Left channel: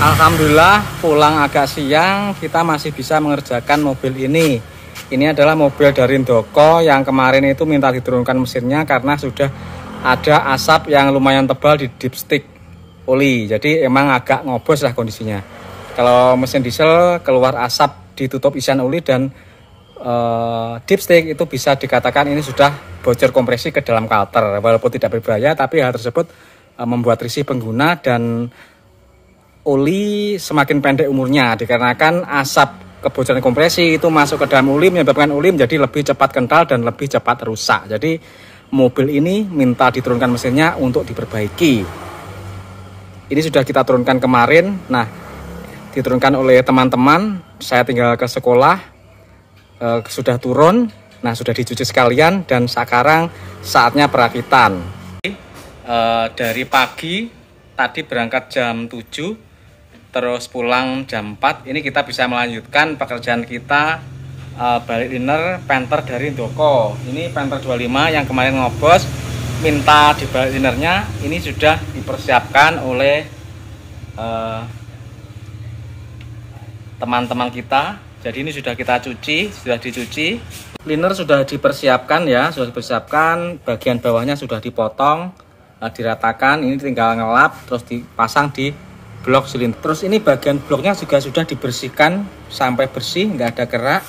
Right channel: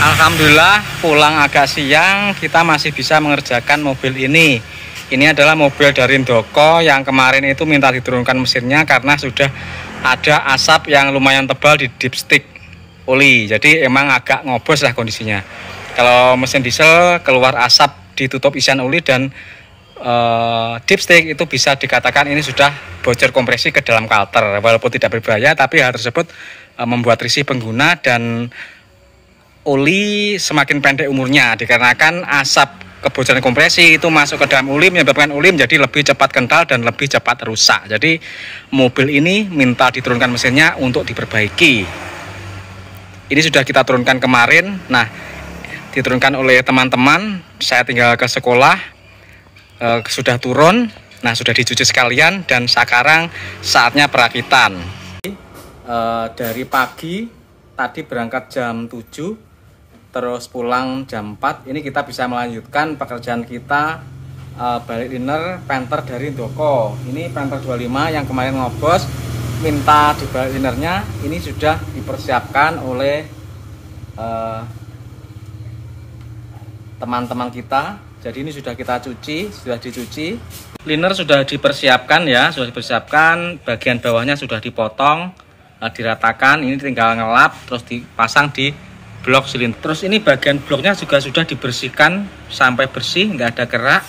Alhamdulillah pulang agak siang kita masih bisa mengerjakan mobil ini. Ini adalah mobil dari Ndoko yang kemarin itu minta diturunkan mesinnya karena sudah ada asap yang lumayan tebal di dipstick oli. Jadi emang agak ngobos lah kondisinya. Kalau mesin diesel keluar asap ditutup isian oli dan dipstick itu bisa dikatakan ini sudah bocor kompresi ke dalam kalter. Walaupun tidak berbahaya tapi hal tersebut membuat risih pengguna dan oli semakin pendek umurnya dikarenakan asap kebocoran kompresi itu masuk ke dalam oli menyebabkan oli menjadi lebih cepat kental dan lebih cepat rusak. Jadi mobil ini minta diturunkan mesinnya untuk diperbaiki. Ini sudah kita turunkan kemarin. Nah, diturunkan oleh teman-teman. Saya tinggal ke sekolah, sudah turun. Nah, sudah dicuci sekalian dan sekarang saatnya perakitan. Dari pagi tadi berangkat jam 7 terus pulang jam 4. Ini kita bisa melanjutkan pekerjaan kita balik liner Panther dari Ndoko. Ini Panther 25 yang kemarin ngobos minta dibalik linernya. Ini sudah dipersiapkan oleh teman-teman kita. Jadi ini sudah kita cuci, sudah dicuci. Liner sudah dipersiapkan ya, sudah dipersiapkan. Bagian bawahnya sudah dipotong, diratakan. Ini tinggal ngelap terus dipasang di blok silinder. Terus ini bagian bloknya juga sudah dibersihkan sampai bersih, nggak ada kerak.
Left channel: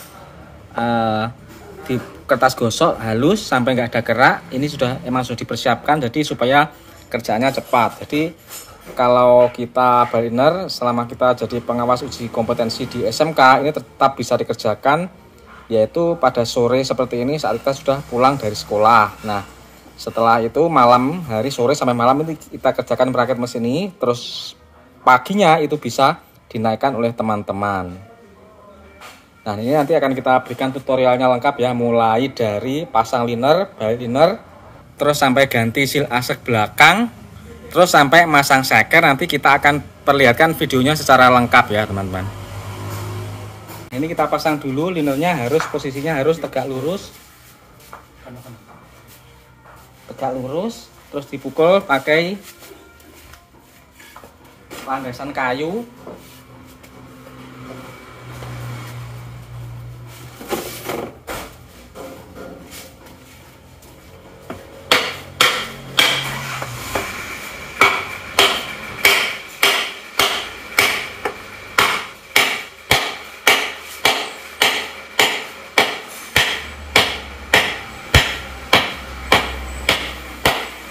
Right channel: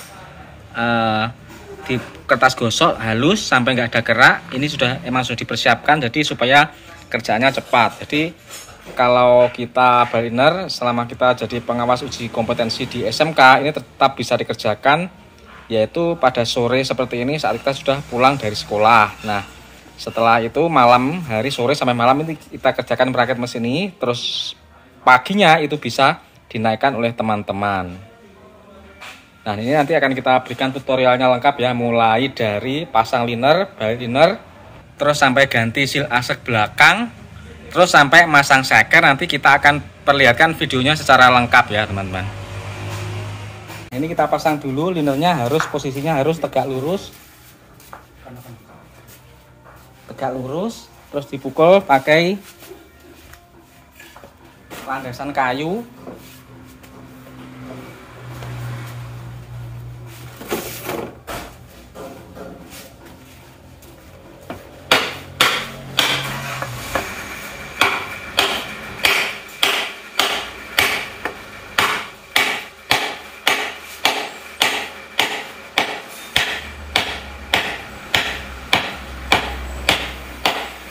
Di kertas gosok halus sampai nggak ada kerak. Ini emang sudah dipersiapkan jadi supaya kerjaannya cepat. Jadi kalau kita baliner selama kita jadi pengawas uji kompetensi di SMK ini tetap bisa dikerjakan, yaitu pada sore seperti ini saat kita sudah pulang dari sekolah. Nah, setelah itu malam, hari sore sampai malam ini kita kerjakan merakit mesin ini, terus paginya itu bisa dinaikkan oleh teman-teman. Nah, ini nanti akan kita berikan tutorialnya lengkap ya, mulai dari pasang liner, balik liner, terus sampai ganti seal asek belakang, terus sampai masang shaker. Nanti kita akan perlihatkan videonya secara lengkap ya teman-teman. Ini kita pasang dulu linernya, posisinya harus tegak lurus. Tegak lurus, terus dipukul pakai landasan kayu.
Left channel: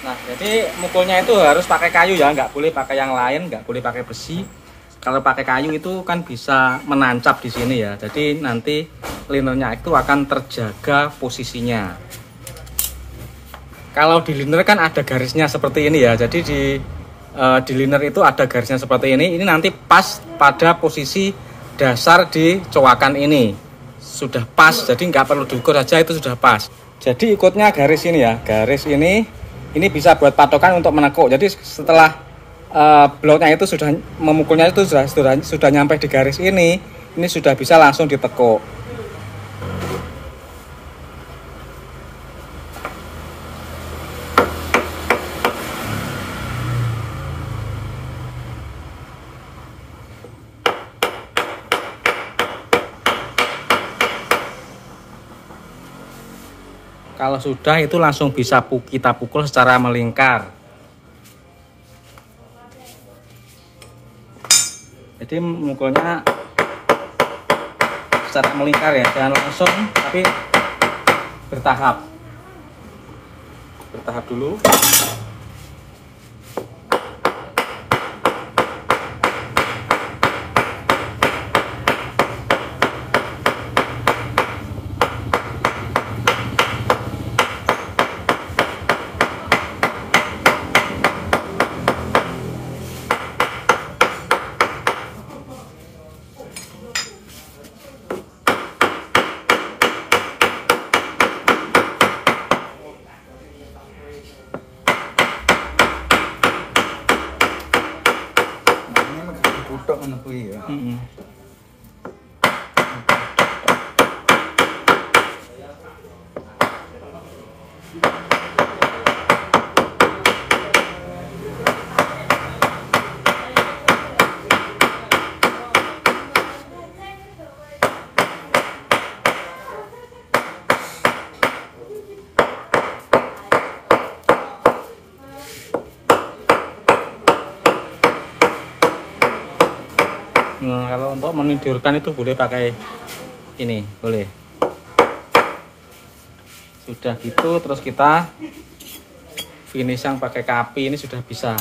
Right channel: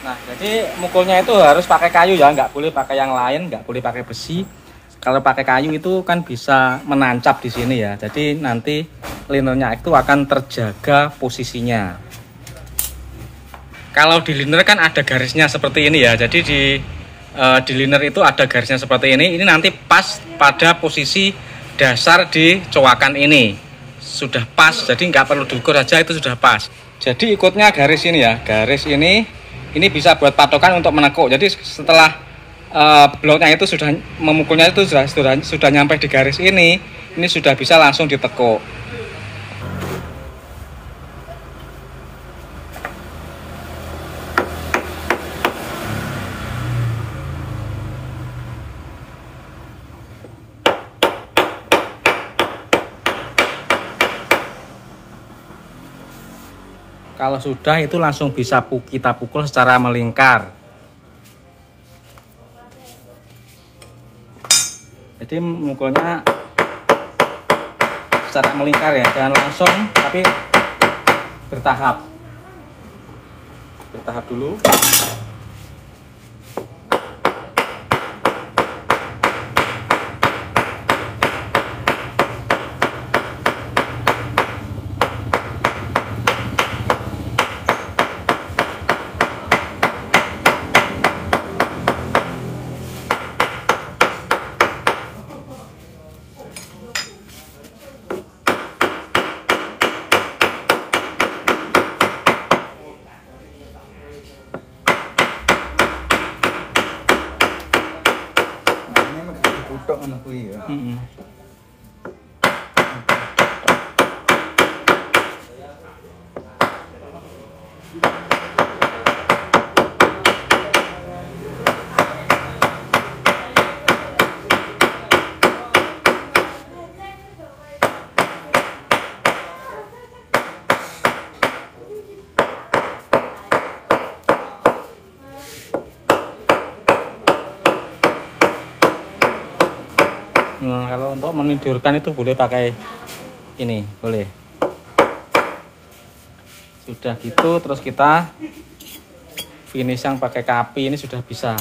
Nah, jadi mukulnya itu harus pakai kayu ya, nggak boleh pakai yang lain, nggak boleh pakai besi. Kalau pakai kayu itu kan bisa menancap di sini ya. Jadi nanti linernya itu akan terjaga posisinya. Kalau di liner kan ada garisnya seperti ini ya. Jadi di liner itu ada garisnya seperti ini. Ini nanti pas pada posisi dasar di coakan ini. Sudah pas, jadi nggak perlu diukur saja, itu sudah pas. Jadi ikutnya garis ini ya, garis ini bisa buat patokan untuk menekuk. Jadi setelah bloknya itu sudah memukulnya itu sudah nyampe di garis ini sudah bisa langsung ditekuk. Kalau sudah itu langsung bisa kita pukul secara melingkar. Jadi mukulnya secara melingkar ya, jangan langsung tapi bertahap. Bertahap dulu. Nah, kalau untuk menidurkan itu boleh pakai ini, boleh. Sudah gitu, terus kita finishing pakai kapi ini sudah bisa.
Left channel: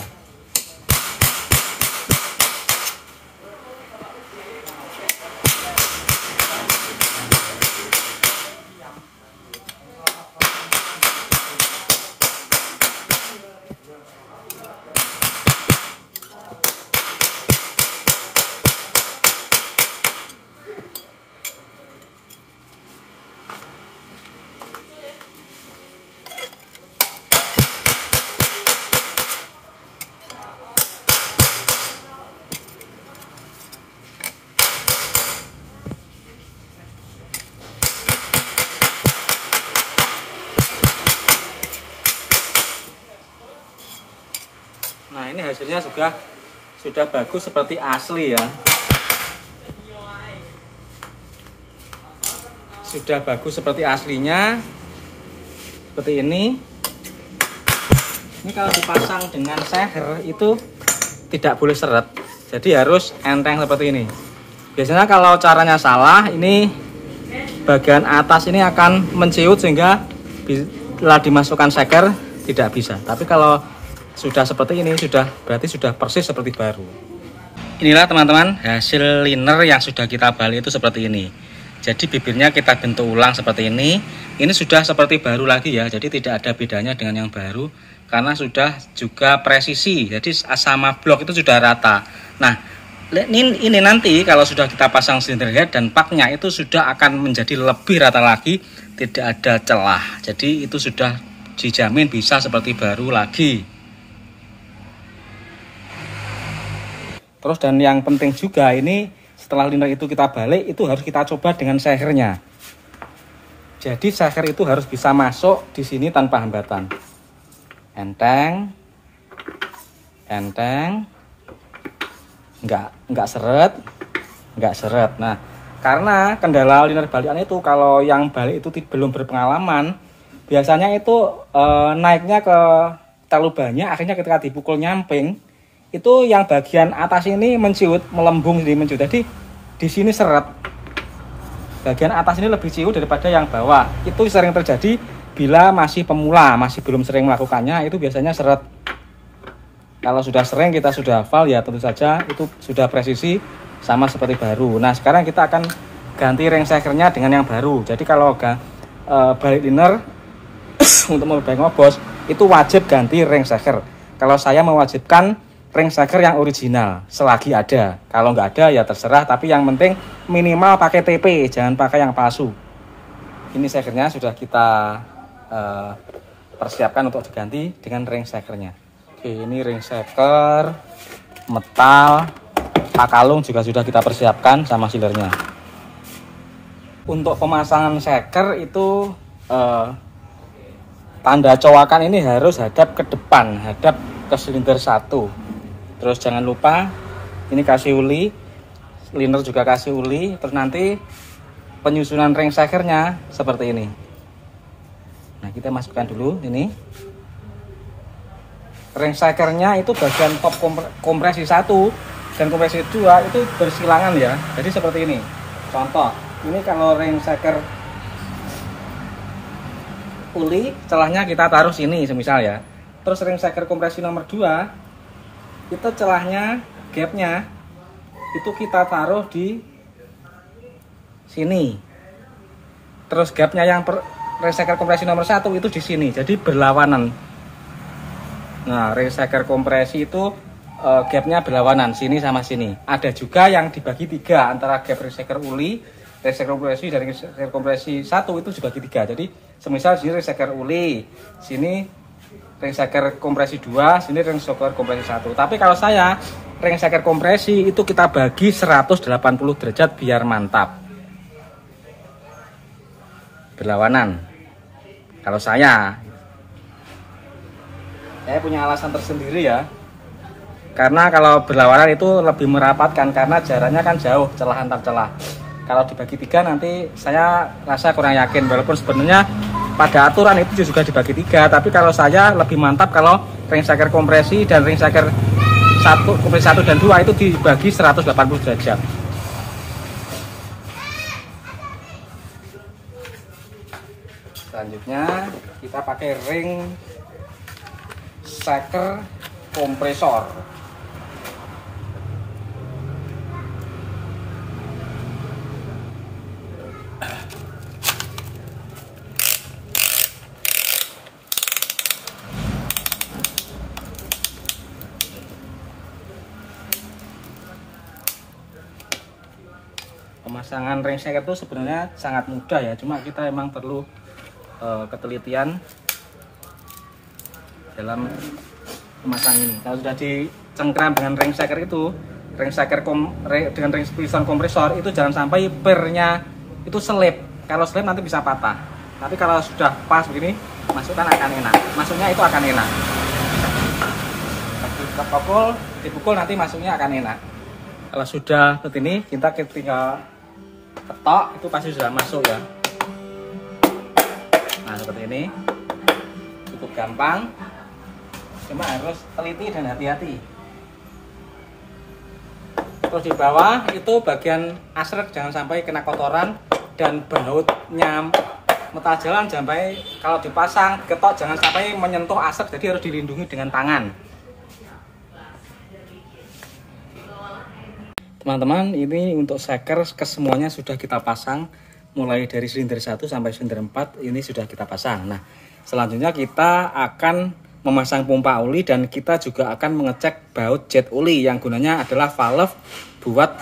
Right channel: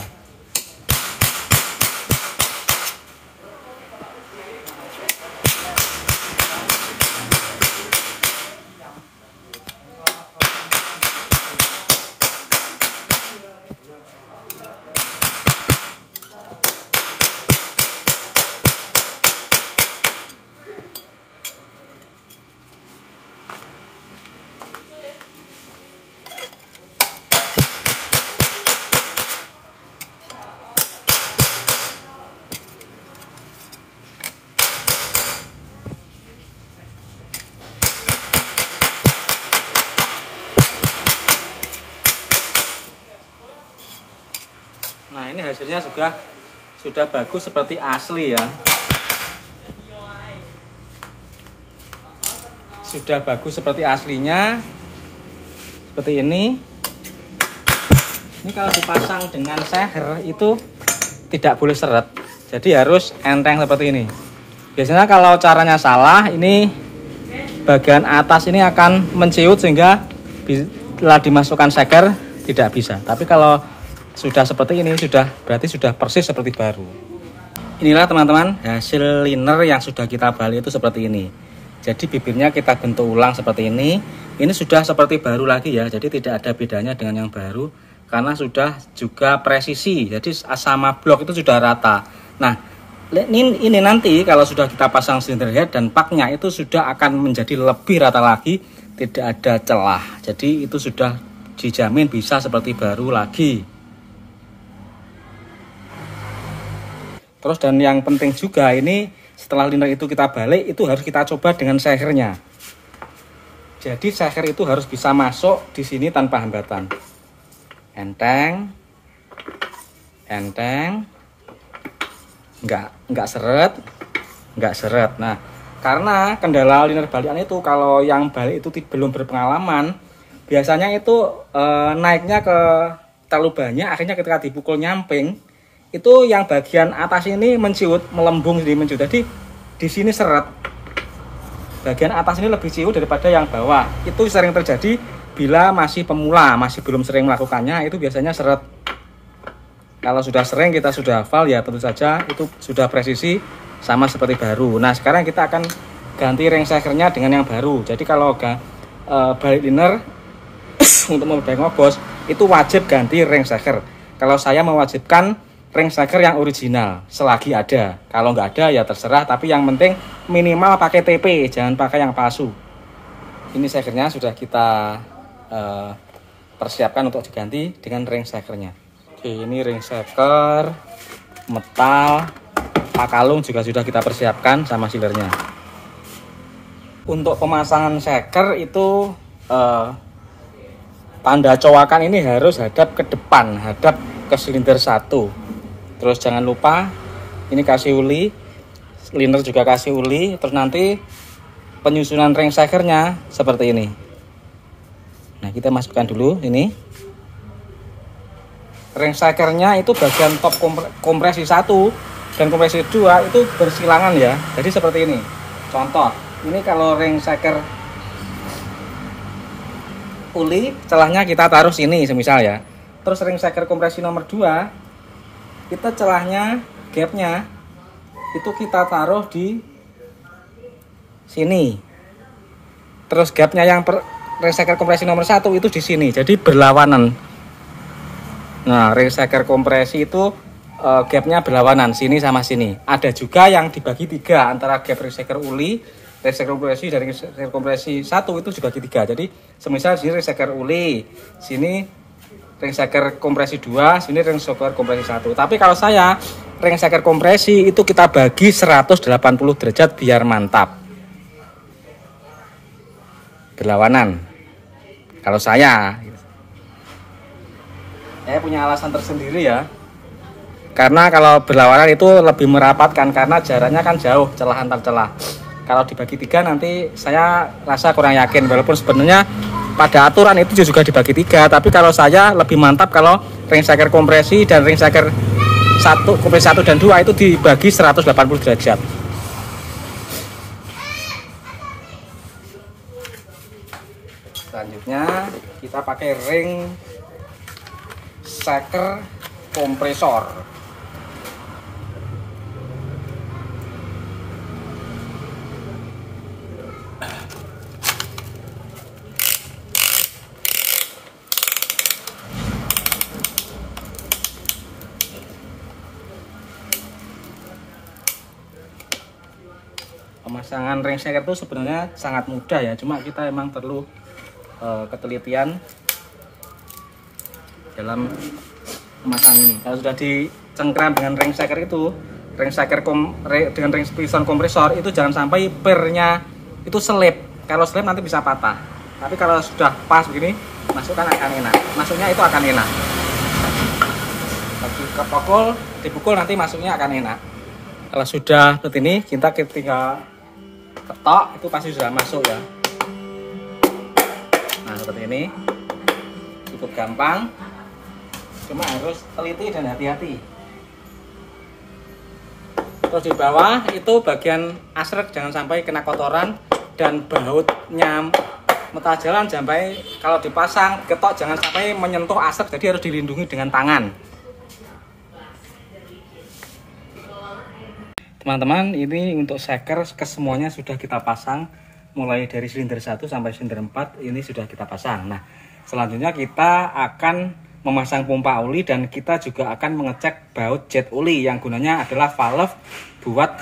Nah, ini hasilnya sudah bagus seperti asli ya. Sudah bagus seperti aslinya. Seperti ini. Ini kalau dipasang dengan seher itu tidak boleh seret. Jadi harus enteng seperti ini. Biasanya kalau caranya salah, ini bagian atas ini akan menciut sehingga bila dimasukkan seher tidak bisa. Tapi kalau sudah seperti ini, berarti sudah persis seperti baru. Inilah teman-teman hasil liner yang sudah kita balik itu seperti ini. Jadi bibirnya kita bentuk ulang seperti ini. Ini sudah seperti baru lagi ya. Jadi tidak ada bedanya dengan yang baru karena sudah juga presisi. Jadi sama blok itu sudah rata. Nah, ini nanti kalau sudah kita pasang silinder head dan paknya itu sudah akan menjadi lebih rata lagi, tidak ada celah. Jadi itu sudah dijamin bisa seperti baru lagi. Terus dan yang penting juga ini setelah liner itu kita balik itu harus kita coba dengan sehernya. Jadi seher itu harus bisa masuk di sini tanpa hambatan. Enteng, nggak seret. Nah, karena kendala liner balikan itu kalau yang balik itu belum berpengalaman, biasanya itu naiknya ke terlalu banyak, akhirnya ketika dipukul nyamping itu yang bagian atas ini menciut, melembung jadi menciut. Jadi di sini seret. Bagian atas ini lebih ciut daripada yang bawah. Itu sering terjadi bila masih pemula, masih belum sering melakukannya, itu biasanya seret. Kalau sudah sering, kita sudah hafal ya tentu saja itu sudah presisi sama seperti baru. Nah, sekarang kita akan ganti ring sekernya dengan yang baru. Jadi kalau balik liner untuk mobil ngobos itu wajib ganti ring seker. Kalau saya mewajibkan ring seker yang original selagi ada. Kalau nggak ada ya terserah, tapi yang penting minimal pakai TP, jangan pakai yang palsu. Ini sekernya sudah kita persiapkan untuk diganti dengan ring sekernya. Oke, ini ring seker metal, pakalung juga sudah kita persiapkan sama sealernya. Untuk pemasangan seker itu tanda cowakan ini harus hadap ke depan, hadap ke silinder 1. Terus jangan lupa ini kasih uli, liner juga kasih uli. Terus nanti penyusunan ring sekernya seperti ini. Nah, kita masukkan dulu ini. Ring sekernya itu bagian top kompresi 1 dan kompresi 2 itu bersilangan ya. Jadi seperti ini. Contoh, ini kalau ring seker uli, celahnya kita taruh sini semisal ya. Terus ring seker kompresi nomor 2 itu celahnya, gapnya itu kita taruh di sini. Terus gapnya yang ring seker kompresi nomor 1 itu di sini. Jadi berlawanan. Nah, ring seker kompresi itu gapnya berlawanan sini sama sini. Ada juga yang dibagi 3 antara gap ring seker uli, ring seker kompresi dan ring seker kompresi 1 itu juga dibagi 3. Jadi semisal sini ring seker uli, sini ring seker kompresi 2, sini ring seker kompresi 1. Tapi kalau saya ring seker kompresi itu kita bagi 180 derajat biar mantap. Berlawanan. Kalau saya punya alasan tersendiri ya. Karena kalau berlawanan itu lebih merapatkan karena jaraknya kan jauh celah antar celah. Kalau dibagi 3 nanti saya rasa kurang yakin, walaupun sebenarnya pada aturan itu juga dibagi 3, tapi kalau saya lebih mantap kalau ring seker kompresi dan ring seker kompresi 1 dan 2 itu dibagi 180 derajat. Selanjutnya kita pakai ring shaker kompresor. Pemasangan ring shaker itu sebenarnya sangat mudah ya, cuma kita emang perlu ketelitian dalam memasang ini. Kalau sudah dicengkram dengan ring shaker itu, dengan ring piston kompresor itu jangan sampai pernya itu selip. Kalau selip nanti bisa patah. Tapi kalau sudah pas begini, masukkan akan enak. Masuknya itu akan enak. Dipukul nanti masuknya akan enak. Kalau sudah seperti ini, kita ketika ketok itu pasti sudah masuk ya. Nah seperti ini cukup gampang, cuma harus teliti dan hati-hati. Terus di bawah itu bagian asrek jangan sampai kena kotoran, dan bautnya mata jalan sampai kalau dipasang ketok jangan sampai menyentuh asrek, jadi harus dilindungi dengan tangan. Teman-teman, ini untuk shaker kesemuanya sudah kita pasang, mulai dari silinder 1 sampai silinder 4 ini sudah kita pasang. Nah, selanjutnya kita akan memasang pompa oli dan kita juga akan mengecek baut jet oli yang gunanya adalah valve buat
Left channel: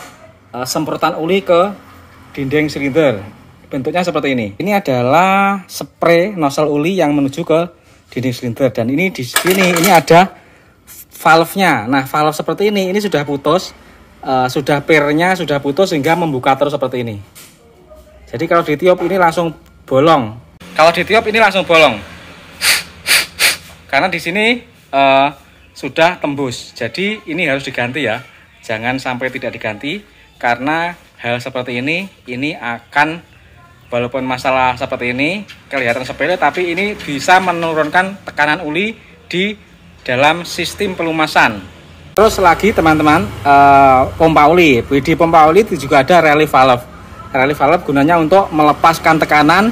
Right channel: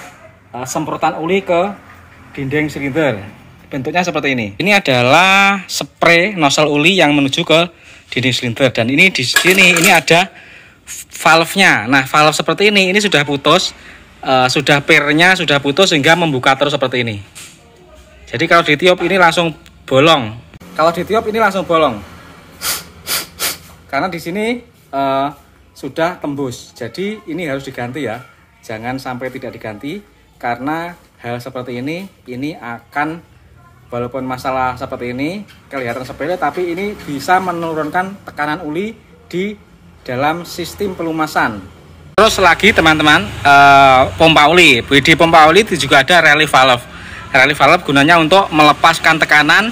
semprotan oli ke dinding silinder. Bentuknya seperti ini. Ini adalah spray nozzle oli yang menuju ke dinding silinder, dan ini di sini ini ada valve-nya. Nah, valve seperti ini sudah putus. Sudah pernya sudah putus sehingga membuka terus seperti ini. Jadi kalau ditiup ini langsung bolong. Kalau ditiup ini langsung bolong. Karena di sini sudah tembus. Jadi ini harus diganti ya. Jangan sampai tidak diganti, karena hal seperti ini akan, walaupun masalah seperti ini kelihatan sepele, tapi ini bisa menurunkan tekanan oli di dalam sistem pelumasan. Terus lagi teman-teman, pompa oli. Di pompa oli itu juga ada relief valve. Relief valve gunanya untuk melepaskan tekanan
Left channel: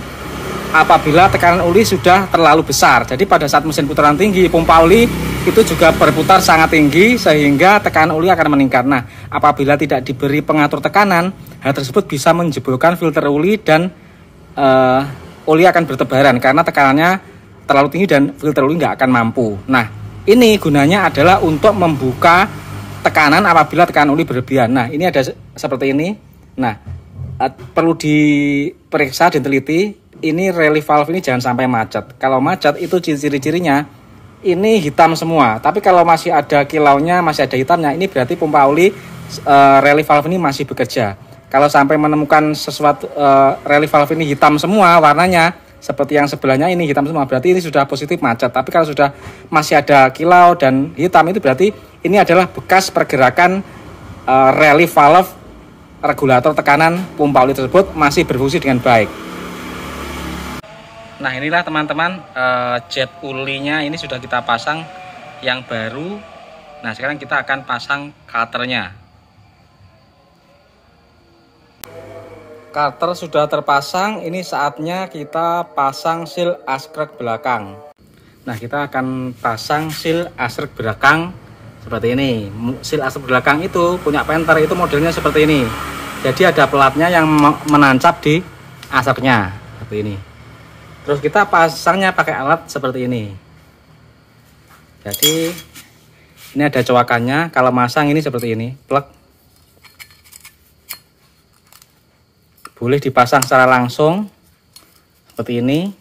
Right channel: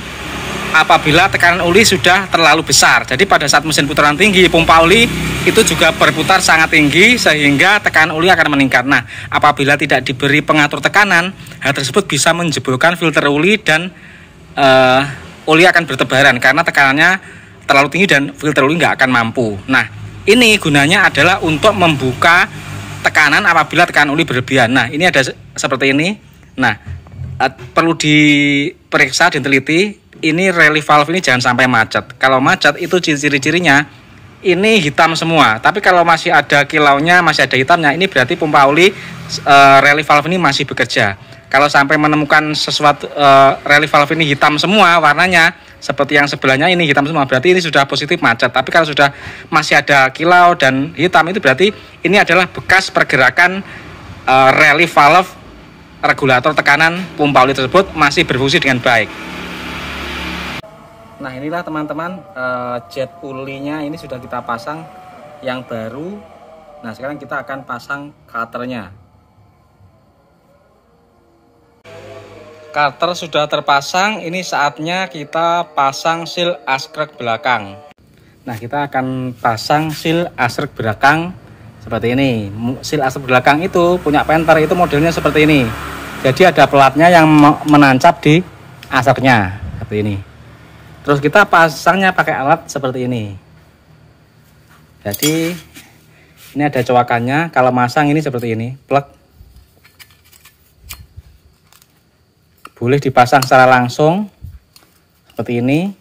apabila tekanan oli sudah terlalu besar. Jadi pada saat mesin putaran tinggi, pompa oli itu juga berputar sangat tinggi sehingga tekanan oli akan meningkat. Nah, apabila tidak diberi pengatur tekanan, hal tersebut bisa menjebolkan filter oli dan oli akan bertebaran karena tekanannya terlalu tinggi dan filter oli nggak akan mampu. Nah, ini gunanya adalah untuk membuka tekanan apabila tekanan oli berlebihan. Nah, ini ada seperti ini. Nah, perlu diperiksa dan teliti. Ini relief valve ini jangan sampai macet. Kalau macet itu ciri-cirinya ini hitam semua. Tapi kalau masih ada kilaunya, masih ada hitamnya, ini berarti pompa oli relief valve ini masih bekerja. Kalau sampai menemukan sesuatu relief valve ini hitam semua warnanya, seperti yang sebelahnya ini hitam semua, berarti ini sudah positif macet. Tapi kalau sudah masih ada kilau dan hitam, itu berarti ini adalah bekas pergerakan relief valve regulator tekanan pompa oli tersebut masih berfungsi dengan baik. Nah, inilah teman-teman jet olinya ini sudah kita pasang yang baru. Nah, sekarang kita akan pasang cutter-nya. Cutter sudah terpasang, ini saatnya kita pasang seal askrek belakang. Nah, kita akan pasang seal askrek belakang seperti ini. Seal askrek belakang itu punya Panther, itu modelnya seperti ini. Jadi ada pelatnya yang menancap di asapnya seperti ini. Terus kita pasangnya pakai alat seperti ini. Jadi ini ada cowakannya. Kalau masang ini seperti ini, plug. Boleh dipasang secara langsung seperti ini,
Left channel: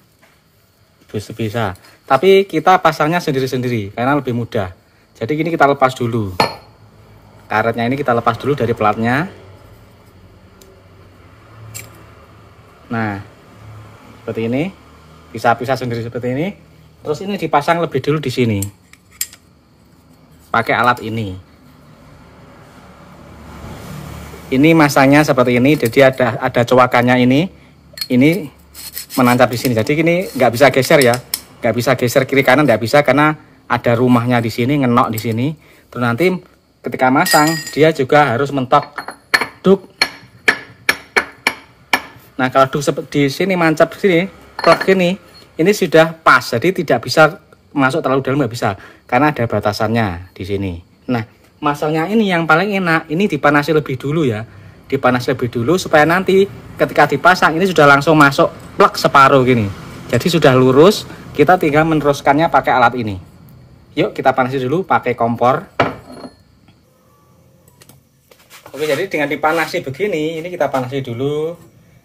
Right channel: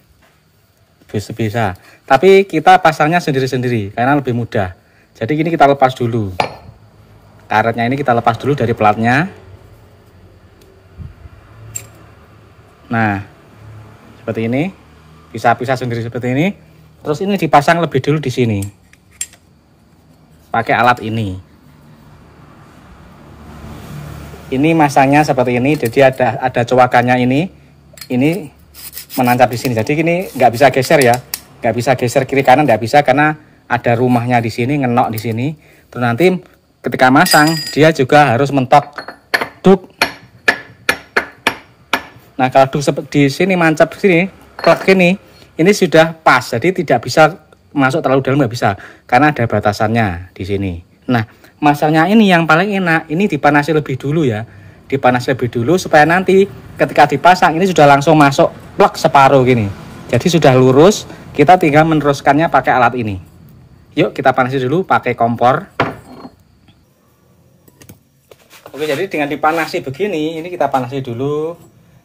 bisa. Tapi kita pasangnya sendiri-sendiri karena lebih mudah. Jadi ini kita lepas dulu. Karetnya ini kita lepas dulu dari pelatnya. Nah, seperti ini. Pisah-pisah sendiri seperti ini. Terus ini dipasang lebih dulu di sini. Pakai alat ini. Ini masangnya seperti ini, jadi ada cowakannya ini menancap di sini. Jadi ini nggak bisa geser ya, nggak bisa geser kiri kanan, nggak bisa karena ada rumahnya di sini, ngenok di sini. Terus nanti ketika masang dia juga harus mentok duk. Nah kalau duk di sini mancap di sini, plug ini sudah pas, jadi tidak bisa masuk terlalu dalam, nggak bisa karena ada batasannya di sini. Nah masangnya ini yang paling enak, ini dipanasi lebih dulu ya, dipanasi lebih dulu supaya nanti ketika dipasang ini sudah langsung masuk plug separuh gini, jadi sudah lurus. Kita tinggal meneruskannya pakai alat ini. Yuk kita panasi dulu pakai kompor. Oke, jadi dengan dipanasi begini, ini kita panasi dulu,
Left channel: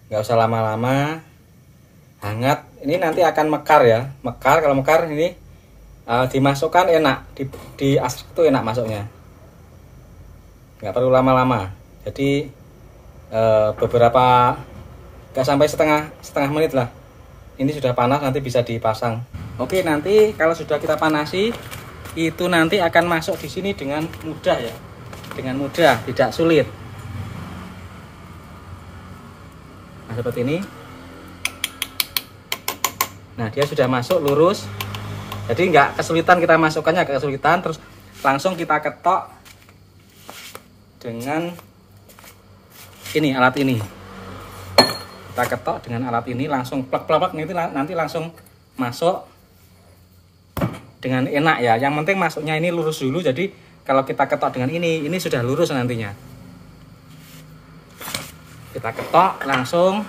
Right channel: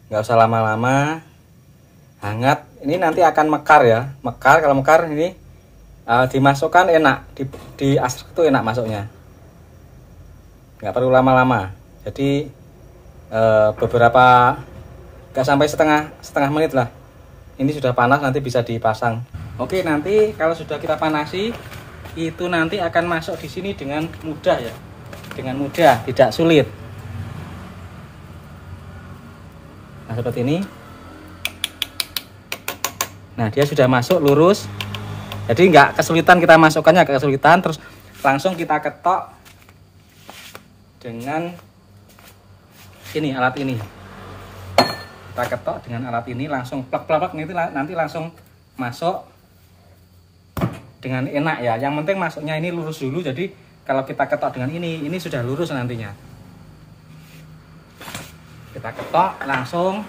nggak usah lama-lama, hangat. Ini nanti akan mekar ya, mekar. Kalau mekar ini dimasukkan enak, di asap itu enak masuknya, nggak perlu lama-lama. Jadi beberapa, nggak sampai setengah menit lah, ini sudah panas, nanti bisa dipasang. Oke, nanti kalau sudah kita panasi, itu nanti akan masuk di sini dengan mudah ya. Dengan mudah, tidak sulit. Nah seperti ini. Nah dia sudah masuk lurus, jadi nggak kesulitan kita masukkannya, nggak kesulitan. Terus langsung kita ketok dengan ini, alat ini. Kita ketok dengan alat ini, langsung plak-plak, nanti langsung masuk dengan enak ya. Yang penting masuknya ini lurus dulu, jadi kalau kita ketok dengan ini sudah lurus nantinya. Kita ketok langsung.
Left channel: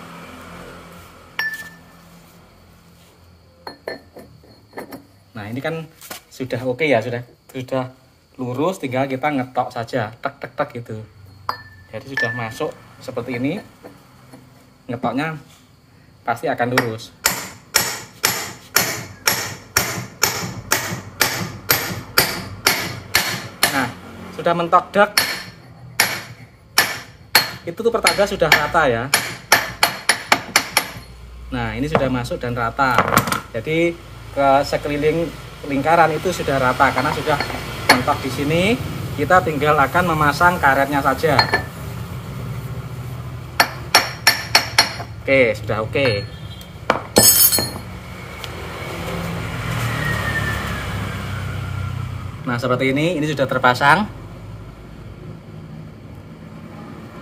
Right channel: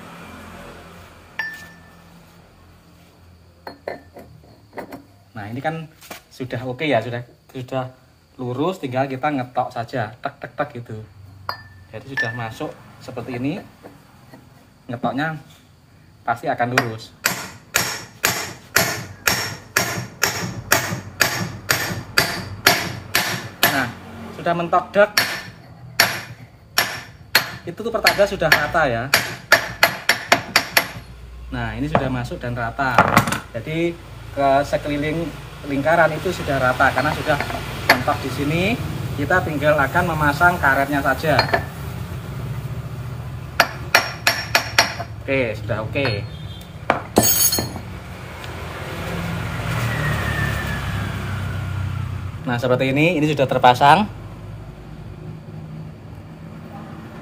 Nah ini kan sudah oke ya, sudah lurus, tinggal kita ngetok saja, tek tek tek gitu. Jadi sudah masuk seperti ini, ngetoknya pasti akan lurus. Sudah mentok dek, itu tuh pertanda sudah rata ya. Nah ini sudah masuk dan rata, jadi ke sekeliling lingkaran itu sudah rata karena sudah mentok di sini. Kita tinggal akan memasang karetnya saja. Oke, sudah oke. Nah seperti ini sudah terpasang.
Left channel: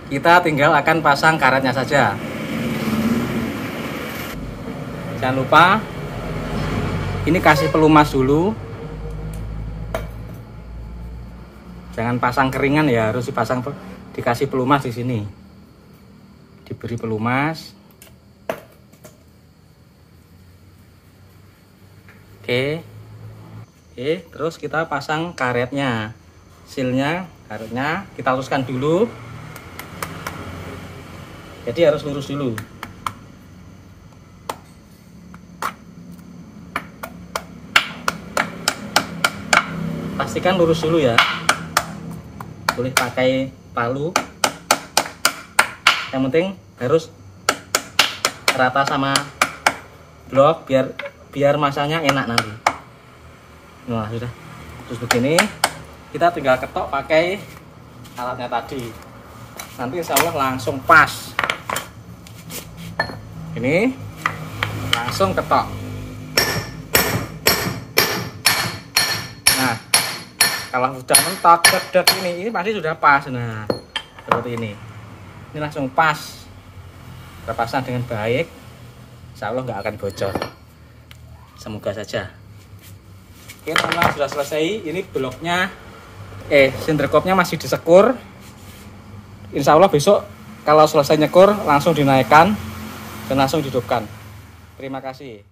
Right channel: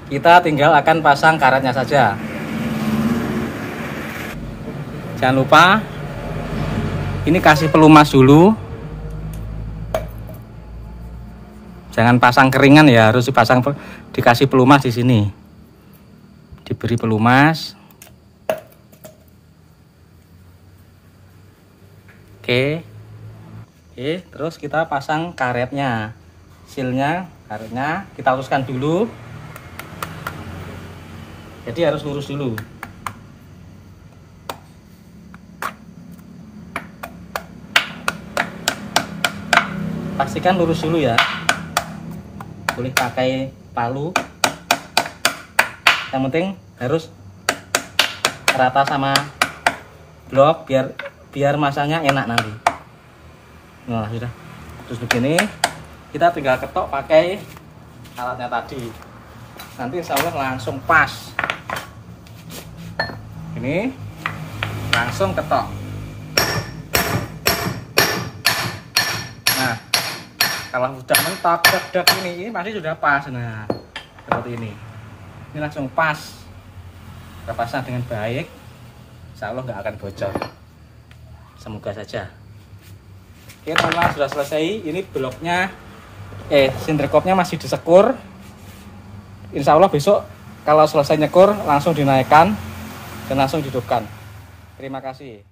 Kita tinggal akan pasang karetnya saja. Jangan lupa ini kasih pelumas dulu. Jangan pasang keringan ya, harus dikasih pelumas di sini. Diberi pelumas. Oke, terus kita pasang karetnya, silnya, karetnya kita luruskan dulu. Jadi harus lurus dulu. Pastikan lurus dulu ya. Boleh pakai palu. Yang penting harus rata sama blok biar masanya enak nanti. Nah, sudah. Terus begini, kita tinggal ketok pakai alatnya tadi. Nanti insya Allah langsung pas. Ini langsung ketok. Nah kalau sudah mentok dek ini pasti sudah pas. Nah seperti ini langsung pas, terpasang dengan baik, insya Allah nggak akan bocor, semoga saja. Oke teman-teman, sudah selesai. Ini bloknya sinterkopnya masih disekur. Insya Allah besok kalau selesai nyekur langsung dinaikkan dan langsung dihidupkan. Terima kasih.